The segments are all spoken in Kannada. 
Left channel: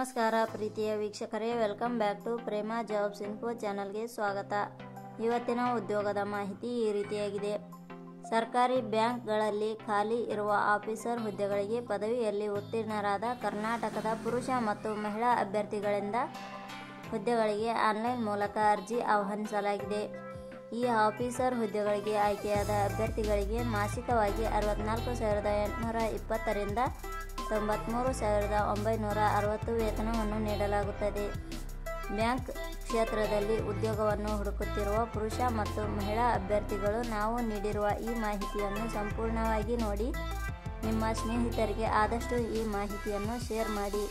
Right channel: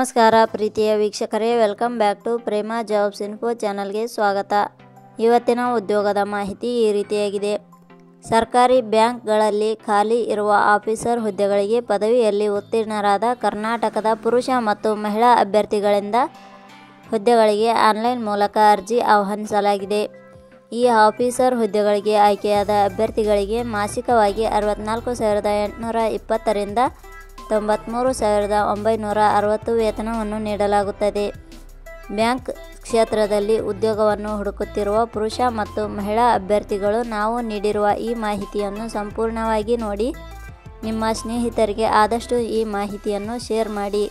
ನಮಸ್ಕಾರ ಪ್ರೀತಿಯ ವೀಕ್ಷಕರೇ, welcome back to Prema jobs info ಚಾನಲ್ಗೆ ಸ್ವಾಗತ. ಇವತ್ತಿನ ಉದ್ಯೋಗದ ಮಾಹಿತಿ ಈ ರೀತಿಯಾಗಿದೆ. ಸರ್ಕಾರಿ ಬ್ಯಾಂಕ್ಗಳಲ್ಲಿ ಖಾಲಿ ಇರುವ ಆಫೀಸರ್ ಹುದ್ದೆಗಳಿಗೆ ಪದವಿಯಲ್ಲಿ ಉತ್ತೀರ್ಣರಾದ ಕರ್ನಾಟಕದ ಪುರುಷ ಮತ್ತು ಮಹಿಳಾ ಅಭ್ಯರ್ಥಿಗಳಿಂದ ಹುದ್ದೆಗಳಿಗೆ ಆನ್ಲೈನ್ ಮೂಲಕ ಅರ್ಜಿ ಆಹ್ವಾನಿಸಲಾಗಿದೆ. ಈ ಆಫೀಸರ್ ಹುದ್ದೆಗಳಿಗೆ ಆಯ್ಕೆಯಾದ ಅಭ್ಯರ್ಥಿಗಳಿಗೆ ಮಾಸಿಕವಾಗಿ 64,820 ರಿಂದ 93,960 ವೇತನವನ್ನು ನೀಡಲಾಗುತ್ತದೆ. ಬ್ಯಾಂಕ್ ಕ್ಷೇತ್ರದಲ್ಲಿ ಉದ್ಯೋಗವನ್ನು ಹುಡುಕುತ್ತಿರುವ ಪುರುಷ ಮತ್ತು ಮಹಿಳಾ ಅಭ್ಯರ್ಥಿಗಳು ನಾವು ನೀಡಿರುವ ಈ ಮಾಹಿತಿಯನ್ನು ಸಂಪೂರ್ಣವಾಗಿ ನೋಡಿ ನಿಮ್ಮ ಸ್ನೇಹಿತರಿಗೆ ಆದಷ್ಟು ಈ ಮಾಹಿತಿಯನ್ನು ಶೇರ್ ಮಾಡಿ.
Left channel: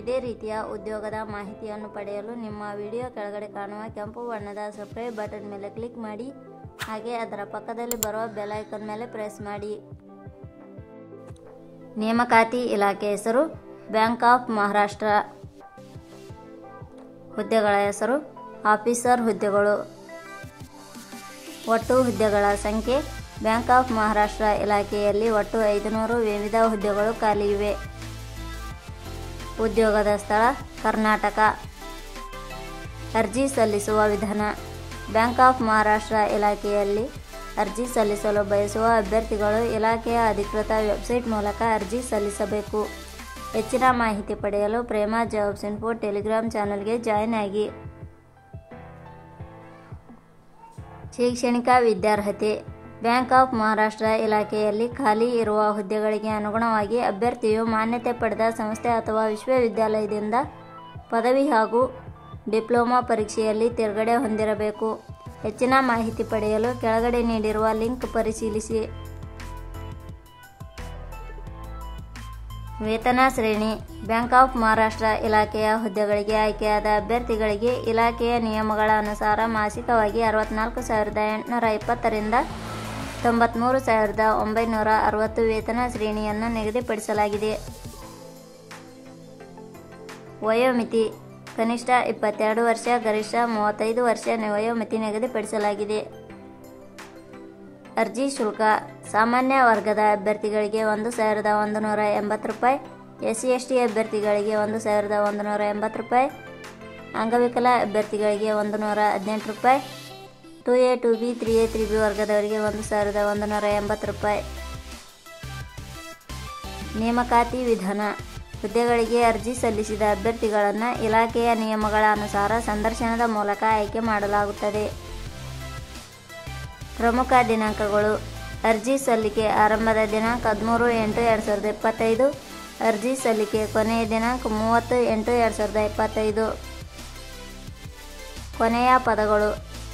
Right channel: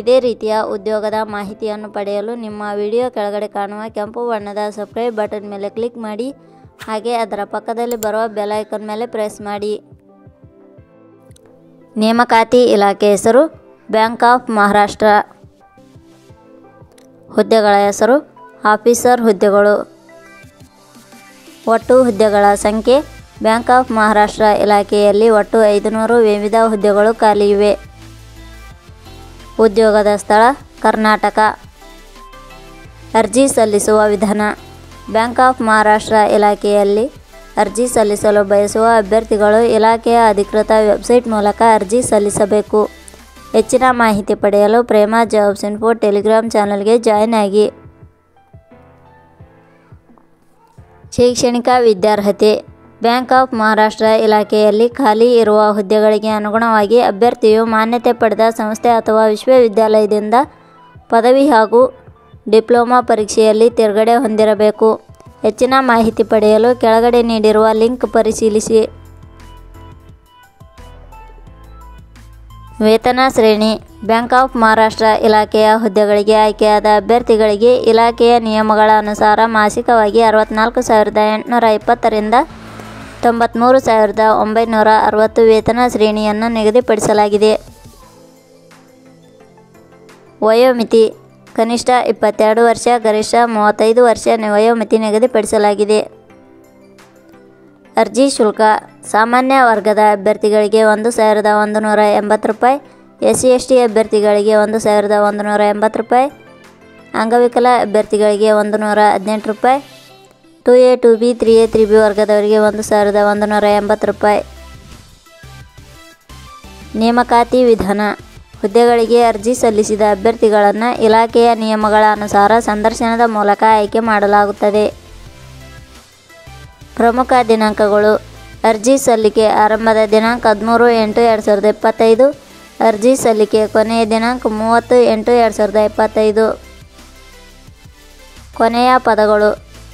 ಇದೇ ರೀತಿಯ ಉದ್ಯೋಗದ ಮಾಹಿತಿಯನ್ನು ಪಡೆಯಲು ನಿಮ್ಮ ವಿಡಿಯೋ ಕೆಳಗಡೆ ಕಾಣುವ ಕೆಂಪು ಬಣ್ಣದ ಸಬ್ಸ್ಕ್ರೈಬ್ ಬಟನ್ ಮೇಲೆ ಕ್ಲಿಕ್ ಮಾಡಿ, ಹಾಗೆ ಅದರ ಪಕ್ಕದಲ್ಲಿ ಬರುವ ಬೆಲ್ ಐಕಾನ್ ಮೇಲೆ ಪ್ರೆಸ್ ಮಾಡಿ. ನೇಮಕಾತಿ ಇಲಾಖೆ ಹೆಸರು ಬ್ಯಾಂಕ್ ಆಫ್ ಮಹಾರಾಷ್ಟ್ರ. ಹುದ್ದೆಗಳ ಹೆಸರು ಆಫೀಸರ್ ಹುದ್ದೆಗಳು. ಒಟ್ಟು ಹುದ್ದೆಗಳ ಸಂಖ್ಯೆ ಬ್ಯಾಂಕ್ ಆಫ್ ಮಹಾರಾಷ್ಟ್ರ ಇಲಾಖೆಯಲ್ಲಿ ಒಟ್ಟು 500 ವಿವಿಧ ಹುದ್ದೆಗಳು ಖಾಲಿ ಇವೆ. ಉದ್ಯೋಗದ ಸ್ಥಳ ಕರ್ನಾಟಕ. ಅರ್ಜಿ ಸಲ್ಲಿಸುವ ವಿಧಾನ. ಬ್ಯಾಂಕ್ ಆಫ್ ಮಹಾರಾಷ್ಟ್ರ ಇಲಾಖೆಯಲ್ಲಿ ಅರ್ಜಿ ಸಲ್ಲಿಸಲು ಬಯಸುವ ಅಭ್ಯರ್ಥಿಗಳು ಇಲಾಖೆಯ ಅಧಿಕೃತ ವೆಬ್ಸೈಟ್ ಮೂಲಕ ಅರ್ಜಿ ಸಲ್ಲಿಸಬೇಕು. ಹೆಚ್ಚಿನ ಮಾಹಿತಿ ಪಡೆಯಲು ಪ್ರೇಮ ಜಾಬ್ಸ್ ಇನ್ಫೋ ಟೆಲಿಗ್ರಾಮ್ ಚಾನಲ್ಗೆ ಜಾಯಿನ್ ಆಗಿ. ಶೈಕ್ಷಣಿಕ ವಿದ್ಯಾರ್ಹತೆ. ಬ್ಯಾಂಕ್ ಆಫ್ ಮಹಾರಾಷ್ಟ್ರ ಇಲಾಖೆಯಲ್ಲಿ ಖಾಲಿ ಇರುವ ಹುದ್ದೆಗಳಿಗೆ ಅನುಗುಣವಾಗಿ ಅಭ್ಯರ್ಥಿಯು ಮಾನ್ಯತೆ ಪಡೆದ ಸಂಸ್ಥೆ ಅಥವಾ ವಿಶ್ವವಿದ್ಯಾಲಯದಿಂದ ಪದವಿ ಹಾಗೂ ಡಿಪ್ಲೊಮಾ ಪರೀಕ್ಷೆಯಲ್ಲಿ ತೇರ್ಗಡೆ ಹೊಂದಿರಬೇಕು. ಹೆಚ್ಚಿನ ಮಾಹಿತಿ ಪಡೆಯಲು ಕೆಳಗಡೆ ನೀಡಿರುವ ಲಿಂಕ್ ಪರಿಶೀಲಿಸಿ. ವೇತನ ಶ್ರೇಣಿ. ಬ್ಯಾಂಕ್ ಆಫ್ ಮಹಾರಾಷ್ಟ್ರ ಇಲಾಖೆಯ ಹುದ್ದೆಗಳಿಗೆ ಆಯ್ಕೆಯಾದ ಅಭ್ಯರ್ಥಿಗಳಿಗೆ ಇಲಾಖೆಯ ನಿಯಮಗಳ ಅನುಸಾರ ಮಾಸಿಕವಾಗಿ 64,820 ರಿಂದ 93,960 ವೇತನ ಶ್ರೇಣಿಯನ್ನು ನಿಗದಿಪಡಿಸಲಾಗಿದೆ. ವಯೋಮಿತಿ. ಕನಿಷ್ಠ 22 ವರ್ಷ, ಗರಿಷ್ಠ 35 ವರ್ಷ ವಯೋಮಿತಿ ನಿಗದಿಪಡಿಸಲಾಗಿದೆ. ಅರ್ಜಿ ಶುಲ್ಕ. ಸಾಮಾನ್ಯ ವರ್ಗದ ಅಭ್ಯರ್ಥಿಗಳಿಗೆ 1,180 ರೂಪಾಯಿ, SC/ST ಅಭ್ಯರ್ಥಿಗಳಿಗೆ 1,180 ರೂಪಾಯಿ, ಅಂಗವಿಕಲ ಅಭ್ಯರ್ಥಿಗಳಿಗೆ 118 ರೂಪಾಯಿ, 2A 2B 3A 3B ವರ್ಗದವರಿಗೆ 1,180 ರೂಪಾಯಿ. ನೇಮಕಾತಿ ವಿಧಾನ. ಹುದ್ದೆಗಳಿಗೆ ಅರ್ಜಿ ಸಲ್ಲಿಸಿದ ಅಭ್ಯರ್ಥಿಗಳನ್ನು ಇಲಾಖೆಯ ನಿಯಮಗಳ ಅನುಸಾರ ಸಂದರ್ಶನದ ಮೂಲಕ ಆಯ್ಕೆ ಮಾಡಲಾಗುತ್ತದೆ. ಪ್ರಮುಖ ದಿನಾಂಕಗಳು. ಅರ್ಜಿ ಸಲ್ಲಿಕೆ ಆರಂಭದ ದಿನಾಂಕ 13/8/2025. ಅರ್ಜಿ ಸಲ್ಲಿಕೆ ಕೊನೆಯ ದಿನಾಂಕ 30/8/2025. ಕೊನೆಯ ಪದಗಳು.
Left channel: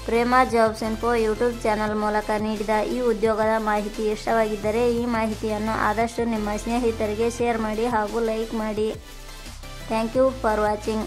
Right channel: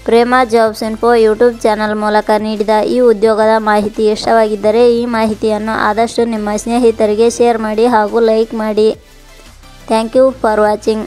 ಪ್ರೇಮ ಜಾಬ್ಸ್ ಇನ್ಫೋ ಯೂಟ್ಯೂಬ್ ಚಾನಲ್ ಮೂಲಕ ನೀಡಿದ ಈ ಉದ್ಯೋಗದ ಮಾಹಿತಿ ಇಷ್ಟವಾಗಿದ್ದರೆ ಈ ಮಾಹಿತಿಯನ್ನು ಆದಷ್ಟು ನಿಮ್ಮ ಸ್ನೇಹಿತರಿಗೆ ಶೇರ್ ಮಾಡಿ ಹಾಗೂ ಲೈಕ್ ಮಾಡಿ. Thank you for watching.